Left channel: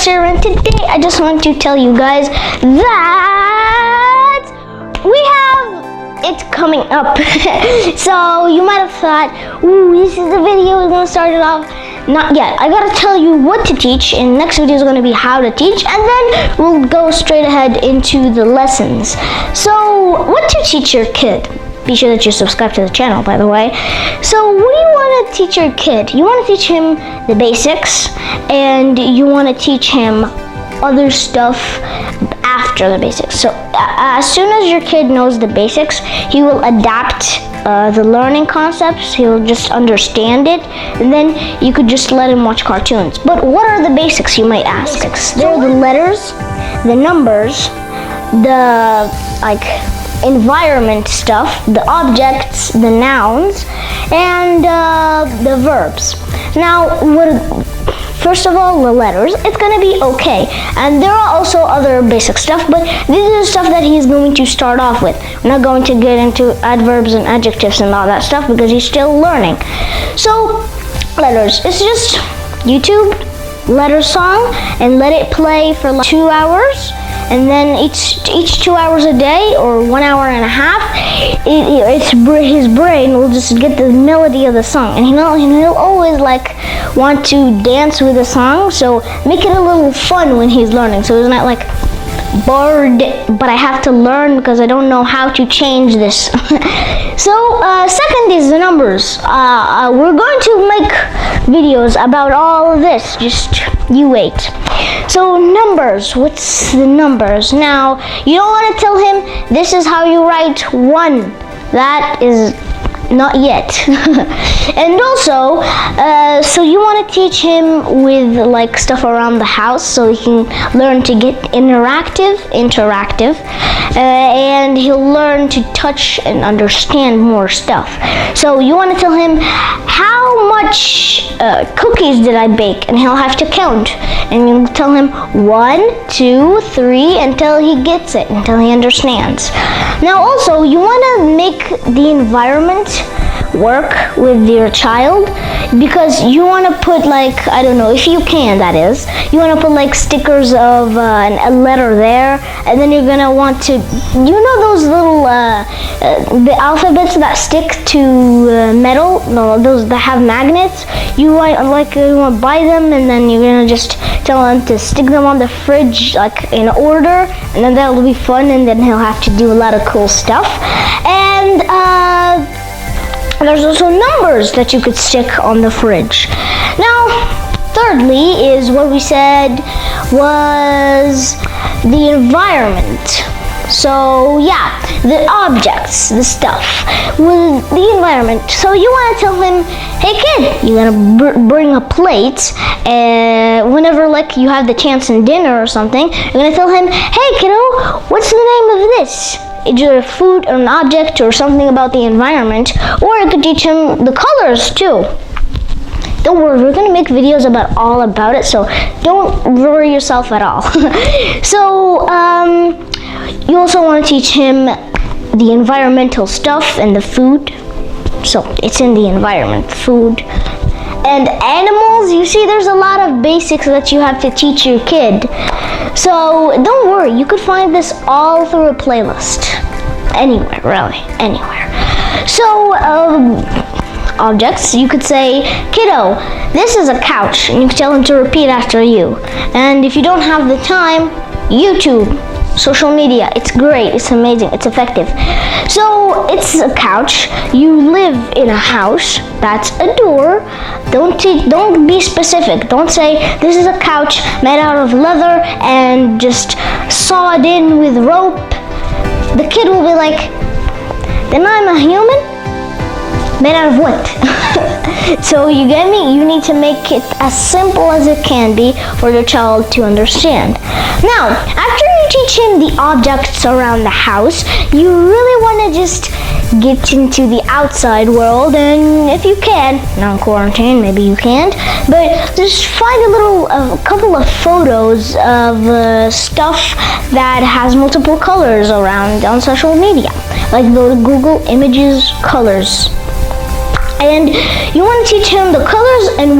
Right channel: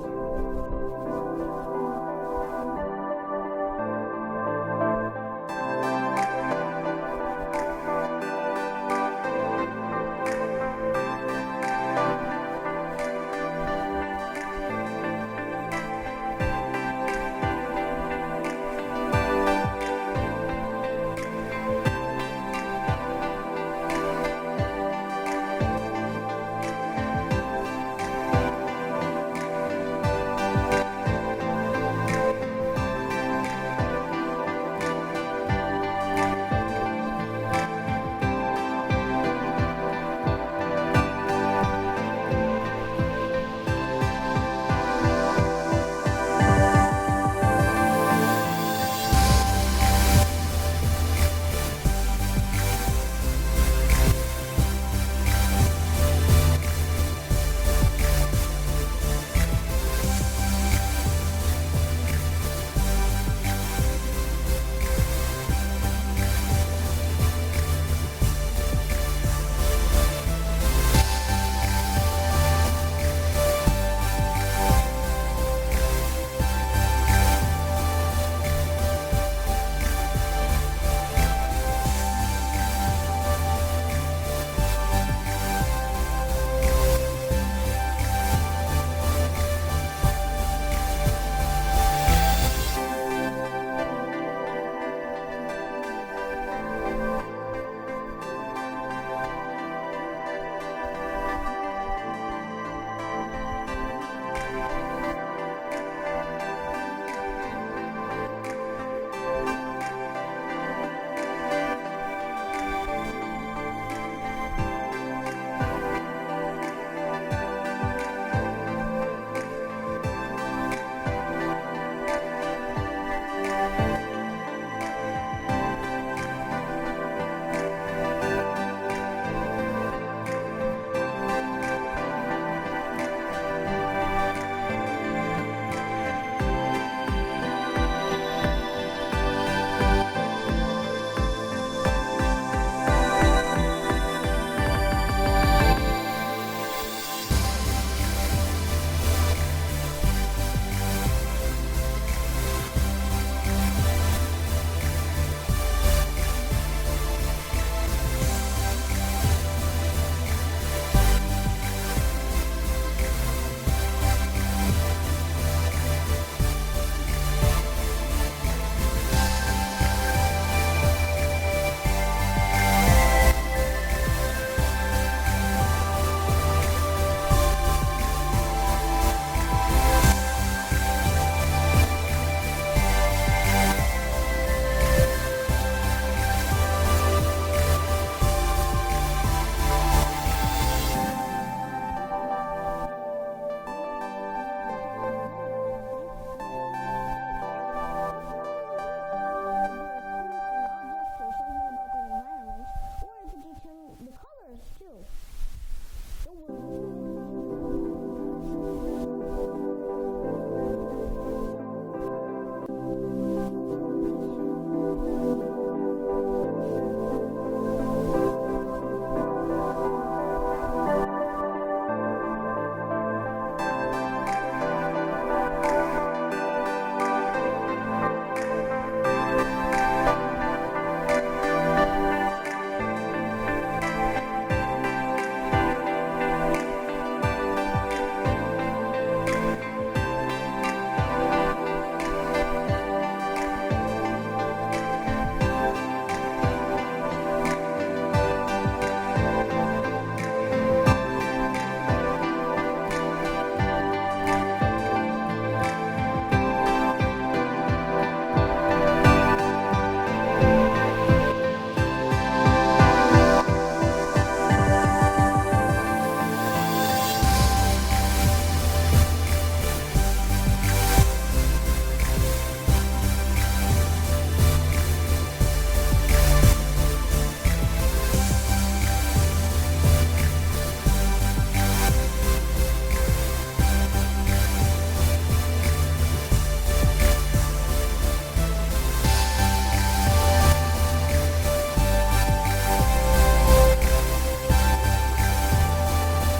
Talks here, and today I just want to tell you guys that we have it coming up. So you might have thought, ooh, this is the video, we're gonna start it off. Not yet. I gotta tell you what to teach, and next video is gonna be how to teach, and then we'll go straight ahead into the lessons. So what to teach your kid? Be sure that you subscribe to the channel, by the way. So what do you want to teach your kid? You want to teach him the basics, and you want to teach him other stuff after the basics. So as soon as your kid knows the basics, he will adapt the learning concepts. He'll just understand it, and then you could just let him watch cartoons. But what are the basics, you might ask? They're the letters, the numbers, the environment stuff, the objects, the nouns, and the verbs. Now, first of all, the letters, it's gonna be okay. And there are also other basic stuff, but this is the stuff that he's going to start off with. We're not going to get into adverbs and adjectives and all that stuff because he's still learning. So, letters, it's just YouTube, letter song, and let it play for like 2 hours. And then each 2 hours a day or 1 hour and a half, his brain will just get the melody of the song, and he'll always like want to dance with the song. So make it a little fun when he's learning. So it's not like bored, but I have to learn because I don't know how to change this. So second is the numbers. We're going to make videos about all of this. Just you wait. So numbers, what's the numbers? Now, you don't want to tell him this is how you write 1. That is not yet. And also, so you want to teach him with like stuff around the house so he can learn to get interactive, and he'll learn to touch and understand more stuff. So you want to tell him how much cookies did I bake, and he'll have to count. And you tell him 1, 2, 3 until he gets it, until he understands. Now also, you want to make the environment work with your child, because you want to put like, I don't know, if you can, that is, you want to put like stickers of a letter there, and then you're gonna want to, you know those little the alphabets that stick to metal, no, those that have magnets. You want to buy them, and then you're gonna just tell him to stick them on the fridge like in order, and then that'll be fun, and then he'll have to do a lot of cool stuff. And there's also numbers that you could stick on the fridge. Now, thirdly is what we said was the environment. So yeah, the objects, the stuff, with the environment. So you want to tell him, hey kid, you gotta bring a plate, whenever like you have the chance in dinner or something, you're gonna tell him, hey kiddo, what's the name of this? Either a food or an object or something about the environment, or you could teach him the colors too. Don't worry, we're gonna make videos about all about it, so don't worry yourself at all. So you also want to teach him the environmental stuff and the food. So it's in the environment, food. And animals, you see there's a lot of basics that you have to teach your kid. So don't worry, you could find this all through a playlist. Anywhere, really, anywhere. So objects, you could say, kiddo, this is a couch, and you can tell him to repeat after you. And if you don't have the time, YouTube, social media, it's great, it's amazing, it's effective. So it's a couch, you live in a house, that's a door. Don't be specific. Don't say this is a couch made out of leather and just sawed in with rope. The kid will be like, then I'm a human? Made out of what? So you get me? You need to make it as simple as it can be for your child to understand. Now, after you teach him the objects around the house, you really want to just get into the outside world, and if you can, not in quarantine, maybe you can't, but just find a couple of photos of stuff that has multiple colors around on social media, like the Google Images colors. And you want to teach him the colors and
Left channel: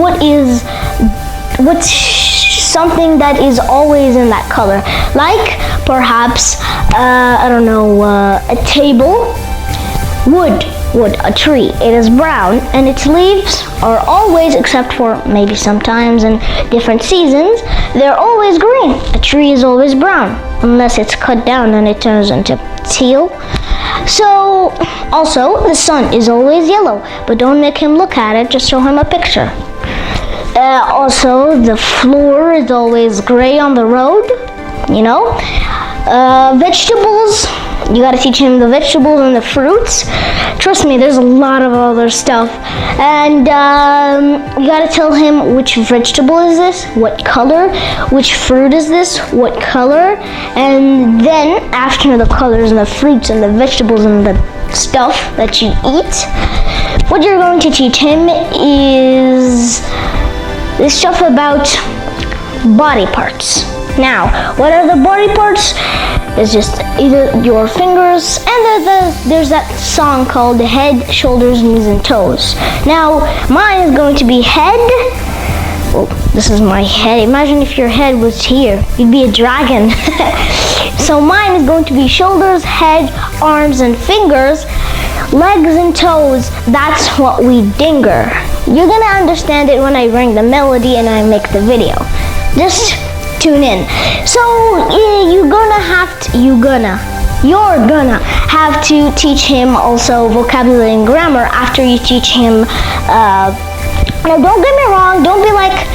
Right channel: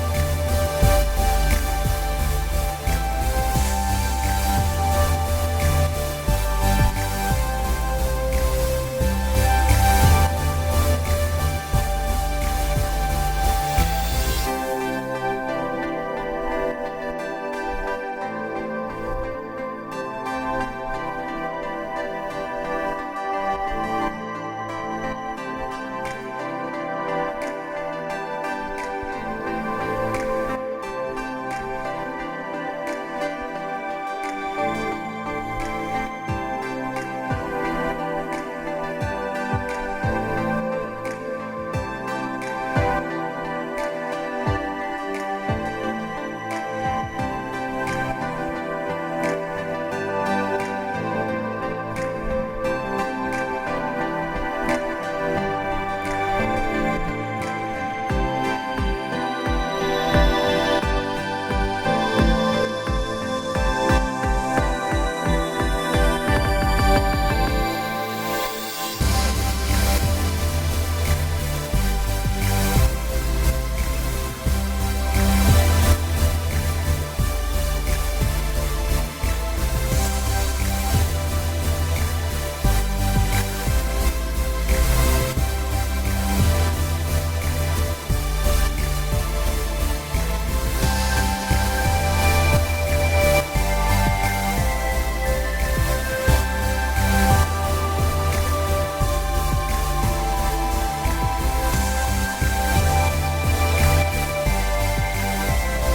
what's something that is always in that color. Like perhaps, a table, wood, a tree. It is brown and its leaves are always, except for maybe sometimes in different seasons, they're always green. A tree is always brown, unless it's cut down and it turns into teal. So, also, the sun is always yellow, but don't make him look at it, just show him a picture. Also, the floor is always gray on the road, Vegetables, you gotta teach him the vegetables and the fruits. Trust me, there's a lot of other stuff. And you gotta tell him which vegetable is this, what color, which fruit is this, what color. And then after the colors and the fruits and the vegetables and the stuff that you eat, what you're going to teach him is this stuff about body parts. Now, what are the body parts? It's just either your fingers, and there's that song called Head, Shoulders, Knees, and Toes. Now, mine is going to be head. Oh, this is my head. Imagine if your head was here. You'd be a dragon. So mine is going to be shoulders, head, arms, and fingers. Legs and toes, that's what we dinger. You're gonna understand it when I bring the melody and I make the video. Just tune in. So you're gonna have to teach him also vocabulary and grammar after you teach him. Now don't get me wrong, don't be like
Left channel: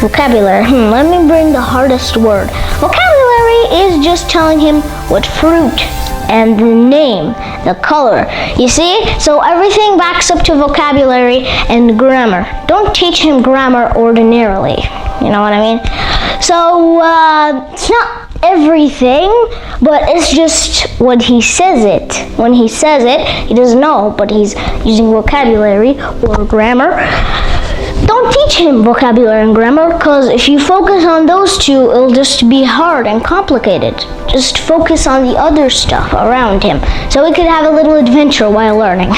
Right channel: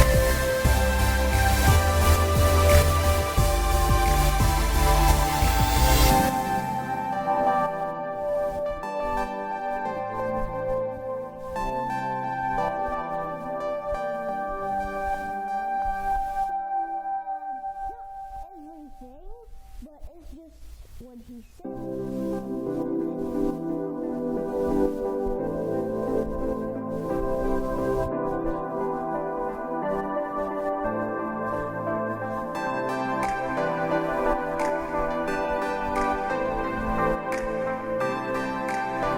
vocabulary. Let me bring the hardest word. Vocabulary is just telling him what fruit and the name, the color. You see? So everything backs up to vocabulary and grammar. Don't teach him grammar ordinarily. You know what I mean? So it's not everything, but it's just when he says it. When he says it, he doesn't know, but he's using vocabulary or grammar. Don't teach him vocabulary and grammar, because if you focus on those two, it'll just be hard and complicated. Just focus on the other stuff around him, so he could have a little adventure while learning.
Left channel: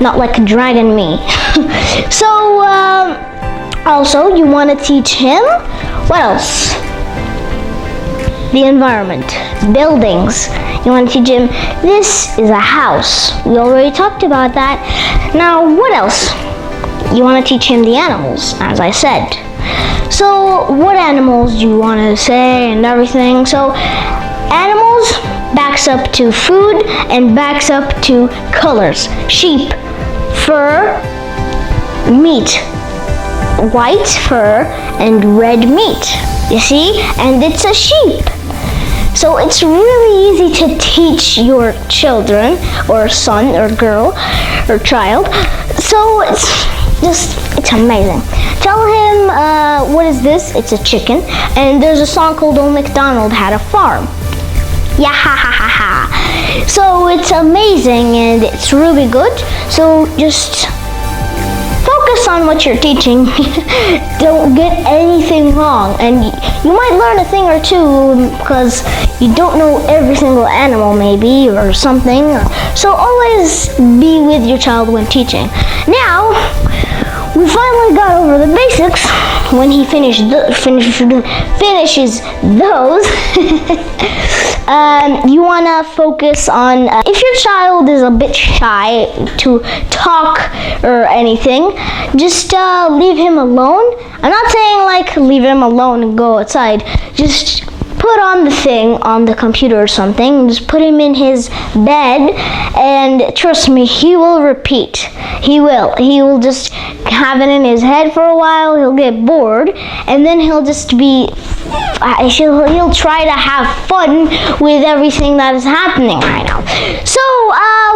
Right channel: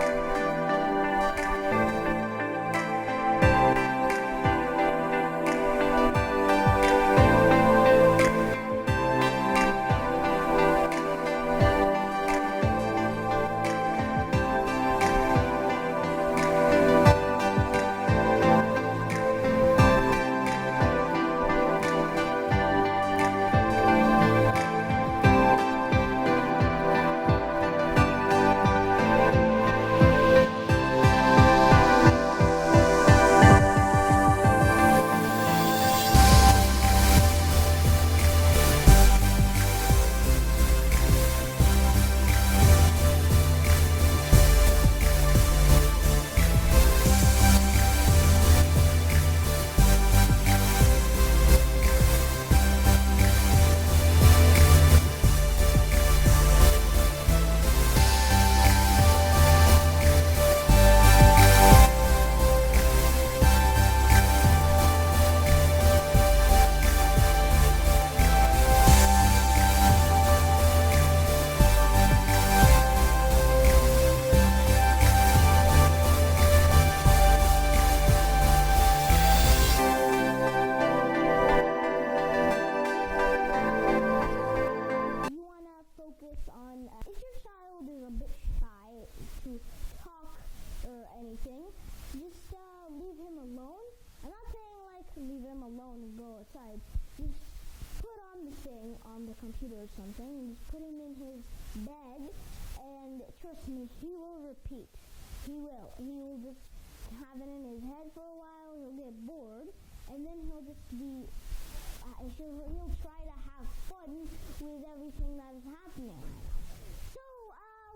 Not like Dragon Me. So, also, you want to teach him, what else? The environment, buildings. You want to teach him, this is a house. We already talked about that. Now, what else? You want to teach him the animals, as I said. So, what animals do you want to say and everything? So, animals backs up to food and backs up to colors. Sheep, fur, meat. White fur and red meat, you see? And it's a sheep. So it's really easy to teach your children, or son, or girl, or child. So it's amazing. Tell him, what is this? It's a chicken. And there's a song called Old MacDonald Had a Farm. Yeah, ha ha ha ha. So it's amazing and it's really good. So just focus on what you're teaching. Don't get anything wrong, and you might learn a thing or two because you don't know every single animal maybe or something. So always be with your child when teaching. Now we finally got over the basics. When he finishes those, you want to focus on, if your child is a bit shy to talk or anything, just leave him alone. I'm not saying like leave him alone and go outside. Just put on the thing on the computer or something. Just put him in his bed, and trust me, he will repeat. He will just have it in his head for a while. He'll get bored, and then he'll just be, he'll try to have fun with everything that is happening right now. So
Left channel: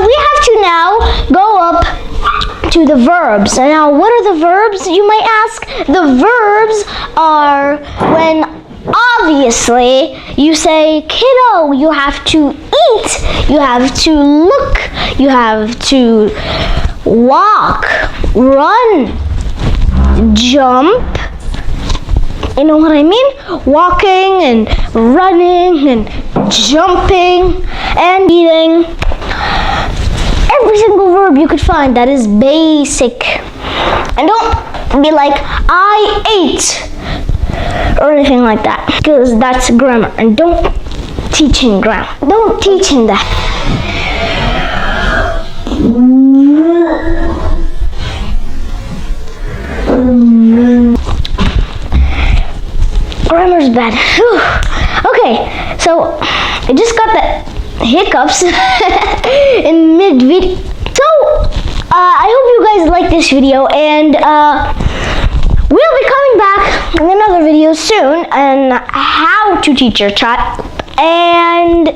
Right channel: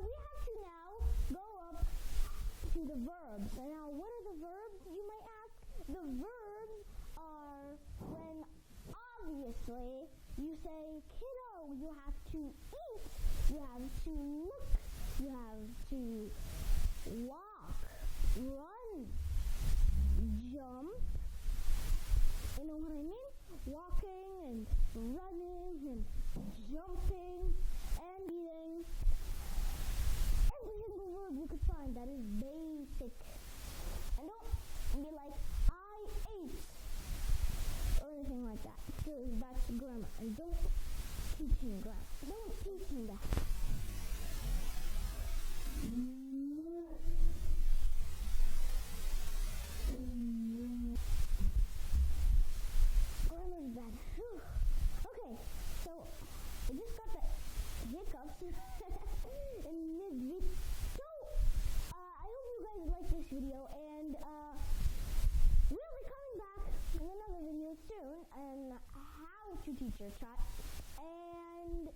we have to now go up to the verbs. And now what are the verbs, you might ask? The verbs are when obviously you say, kiddo, you have to eat, you have to look, you have to walk, run, jump. You know what I mean? Walking and running and jumping and eating. Every single verb you could find that is basic. And don't be like, I ate. or anything like that, because that's grammar, and don't teach him grammar. Don't teach him that. Grammar's bad. Whew. Okay, so I just got the hiccups in mid-video. So, I hope you guys like this video, and we'll be coming back in another video soon on how to teach your child. And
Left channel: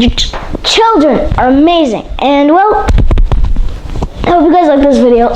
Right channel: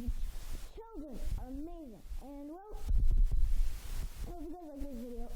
your children are amazing. And well, I hope you guys like this video.